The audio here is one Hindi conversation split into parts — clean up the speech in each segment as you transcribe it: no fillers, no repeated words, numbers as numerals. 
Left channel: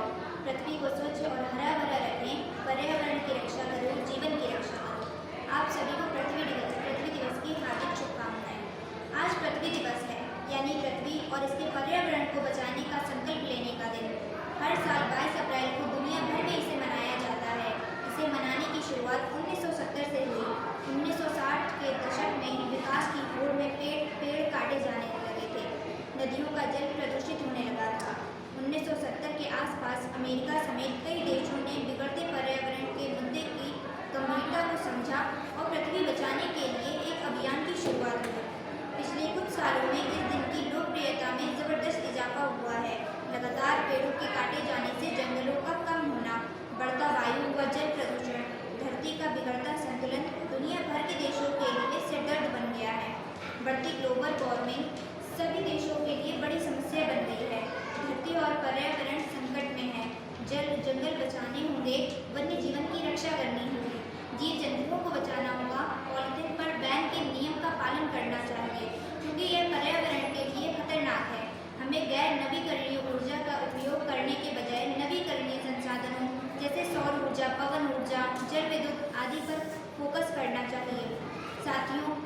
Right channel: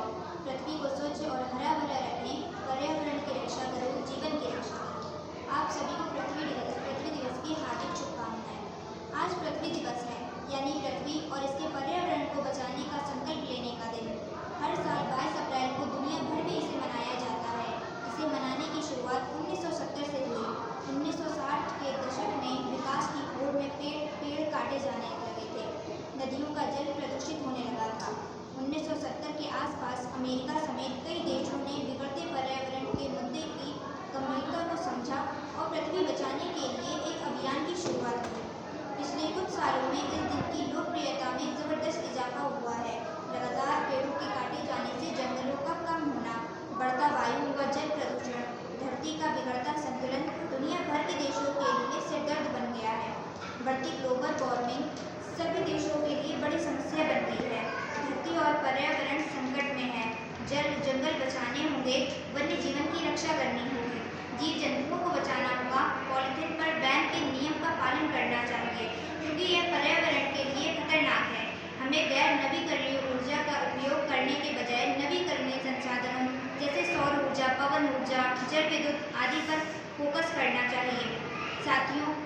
बचाओ, पृथ्वी को स्वच्छ और हरा भरा रखें, पर्यावरण की रक्षा करो, जीवन की रक्षा करो। आप सभी को पृथ्वी दिवस की हार्दिक शुभकामनाएं। आज पृथ्वी दिवस है, यानी पृथ्वी और इसके पर्यावरण को बचाने का संकल्प लेने का दिन। हर साल 22 अप्रैल को दुनिया भर में इसे मनाया जाता है। इसे मनाने की शुरुआत 1970 से हुई। 1960 के दशक में विकास की होड़ में पेड़ काटे जाने लगे थे। नदियों का जल प्रदूषित होने लगा था। 1970 के आसपास अमेरिका समेत कई देशों ने बिगड़ते पर्यावरण के मुद्दे की गंभीरता को समझा और पृथ्वी बचाने के लिए एक अभियान की शुरुआत की। पिछले कुछ सालों में इस दिन की लोकप्रियता में जबरदस्त इजाफा हुआ है। लगातार पेड़ों के काटे जाने से जंगलों का कम होना, बढ़ता वायु व जल प्रदूषण, धरती का बिगड़ता संतुलन दुनिया भर के देशों के लिए सिरदर्द बन गया है। बढ़ती ग्लोबल वार्मिंग सभी देशों के लिए बड़ी समस्या बन गई है। धरती और पर्यावरण संकट में है। जंगल बचाने होंगे, वन्य जीवन की रक्षा करनी होगी, जीव जंतुओं को बचाना होगा। पॉलीथीन पर बैन के नियम का पालन करना चाहिए, क्योंकि यह पर्यावरण के लिए खतरनाक है। हमें गैर नवीकरणीय ऊर्जा का उपयोग करने के बजाय नवीकरणीय संसाधनों जैसे सौर ऊर्जा, पवन ऊर्जा, जल विद्युत आदि पर फोकस करना चाहिए। साथियों,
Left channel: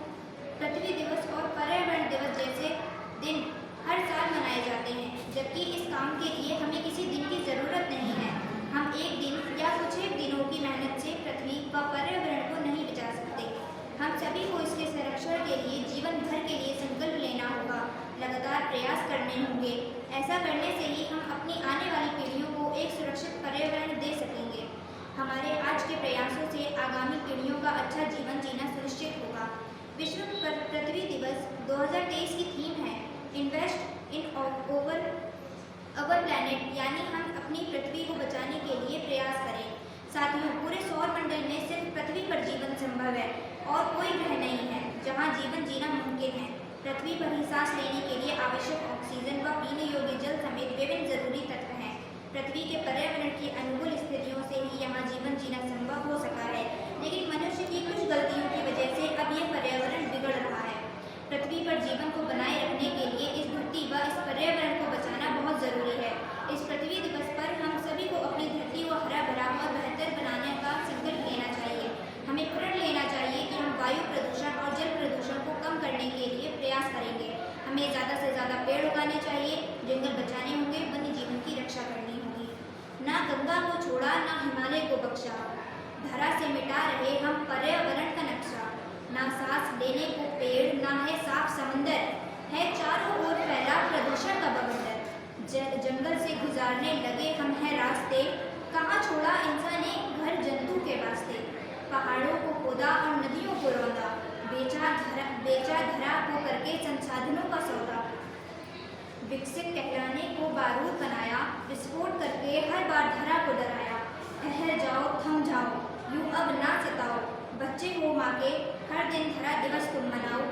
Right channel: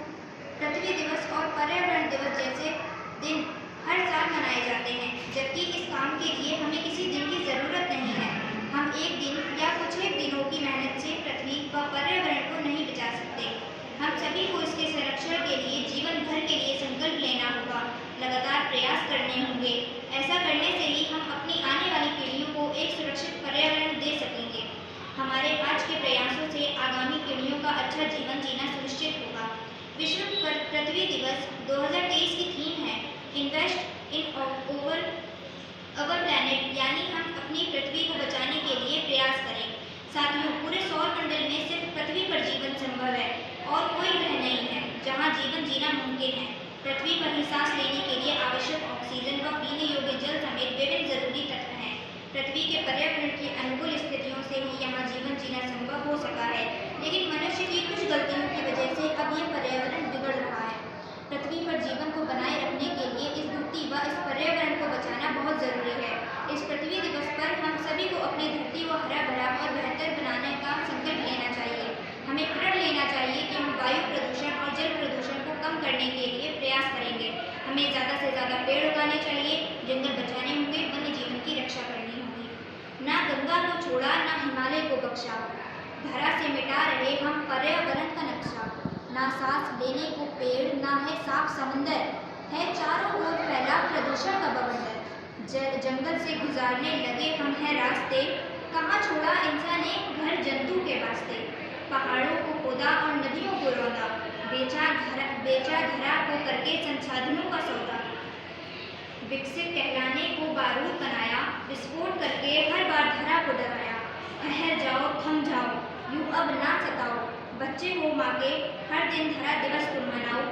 पृथ्वी दिवस और पर्यावरण दिवस जैसे दिन हर साल मनाए जाते हैं, जबकि इस काम के लिए हमें किसी दिन की ज़रूरत नहीं है। हम एक दिन या कुछ एक दिनों की मेहनत से पृथ्वी व पर्यावरण को नहीं बचा सकते। हम सभी को इसके संरक्षण के लिए जीवन भर के लिए संकल्प लेना होगा, लगातार प्रयास करने होंगे। ऐसा करने से ही हम अपनी आने वाली पीढ़ियों को एक सुरक्षित पर्यावरण दे सकेंगे। हमारे आज के प्रयासों से आगामी पीढ़ियों का अच्छा जीवन जीना सुनिश्चित होगा। विश्व पृथ्वी दिवस 2023 की थीम है इन्वेस्ट इन अवर प्लैनेट, यानी हम अपनी पृथ्वी को बचाने के लिए प्रयास करें। साथियों, पूरे सौर मंडल में सिर्फ पृथ्वी पर जीवन संभव है और कोई ग्रह नहीं है जहां जीवन जीना मुमकिन है। पृथ्वी पर ही सांस लेने के लिए आवश्यक ऑक्सीजन व पीने योग्य जल समेत विभिन्न जरूरी तत्व हैं। पृथ्वी के पर्यावरण की अनुकूल स्थितियों से ही यहाँ जीवन जीना संभव हो सका है, लेकिन मनुष्य की कुछ गलतियों की वजह से अब यह पर्यावरण बिगड़ रहा है। पृथ्वी पर जीवन को बनाए रखने के लिए इस धरती व इस पर्यावरण को बचाना बहुत जरूरी है। इस पृथ्वी दिवस पर हम सभी को अपनी धरती को हरा भरा और बेहतर बनाने का संकल्प लेना चाहिए। हमें प्रण लेना चाहिए कि हम वायु प्रदूषण और जल प्रदूषण को कम करने के लिए प्रयास करेंगे। हमें ज़्यादा से ज़्यादा पेड़ उगाने चाहिए, जंगल बचाने होंगे, वन्य जीवन की रक्षा करनी होगी। ना गंगा को छोड़ा, ना हिमालय को बख्शा, धरा से मिटा रहे हम पर्यावरण का नक्शा। ना सांस लेने को पेड़, ना है साफ समंदर, है चारों ओर फैला प्रदूषण का बवंडर। जंगल से गुजारने लगे हम हैं रास्ते, कहाँ छोड़ा इंसान ने घर जंतु के वास्ते। पहाड़ों को खोदा और नदियों को रौंदा, बेचा धरा को करके संसाधनों का सौदा। विकसित कहलाने को बारूद बनाया, विस्फोट करके हर बार धरा को डराया। ठहर जाओ, थम जाओ, यूं अब ना सताओ, बच्चे हो माँ के, हर दिन धरा दिवस तुम मनाओ।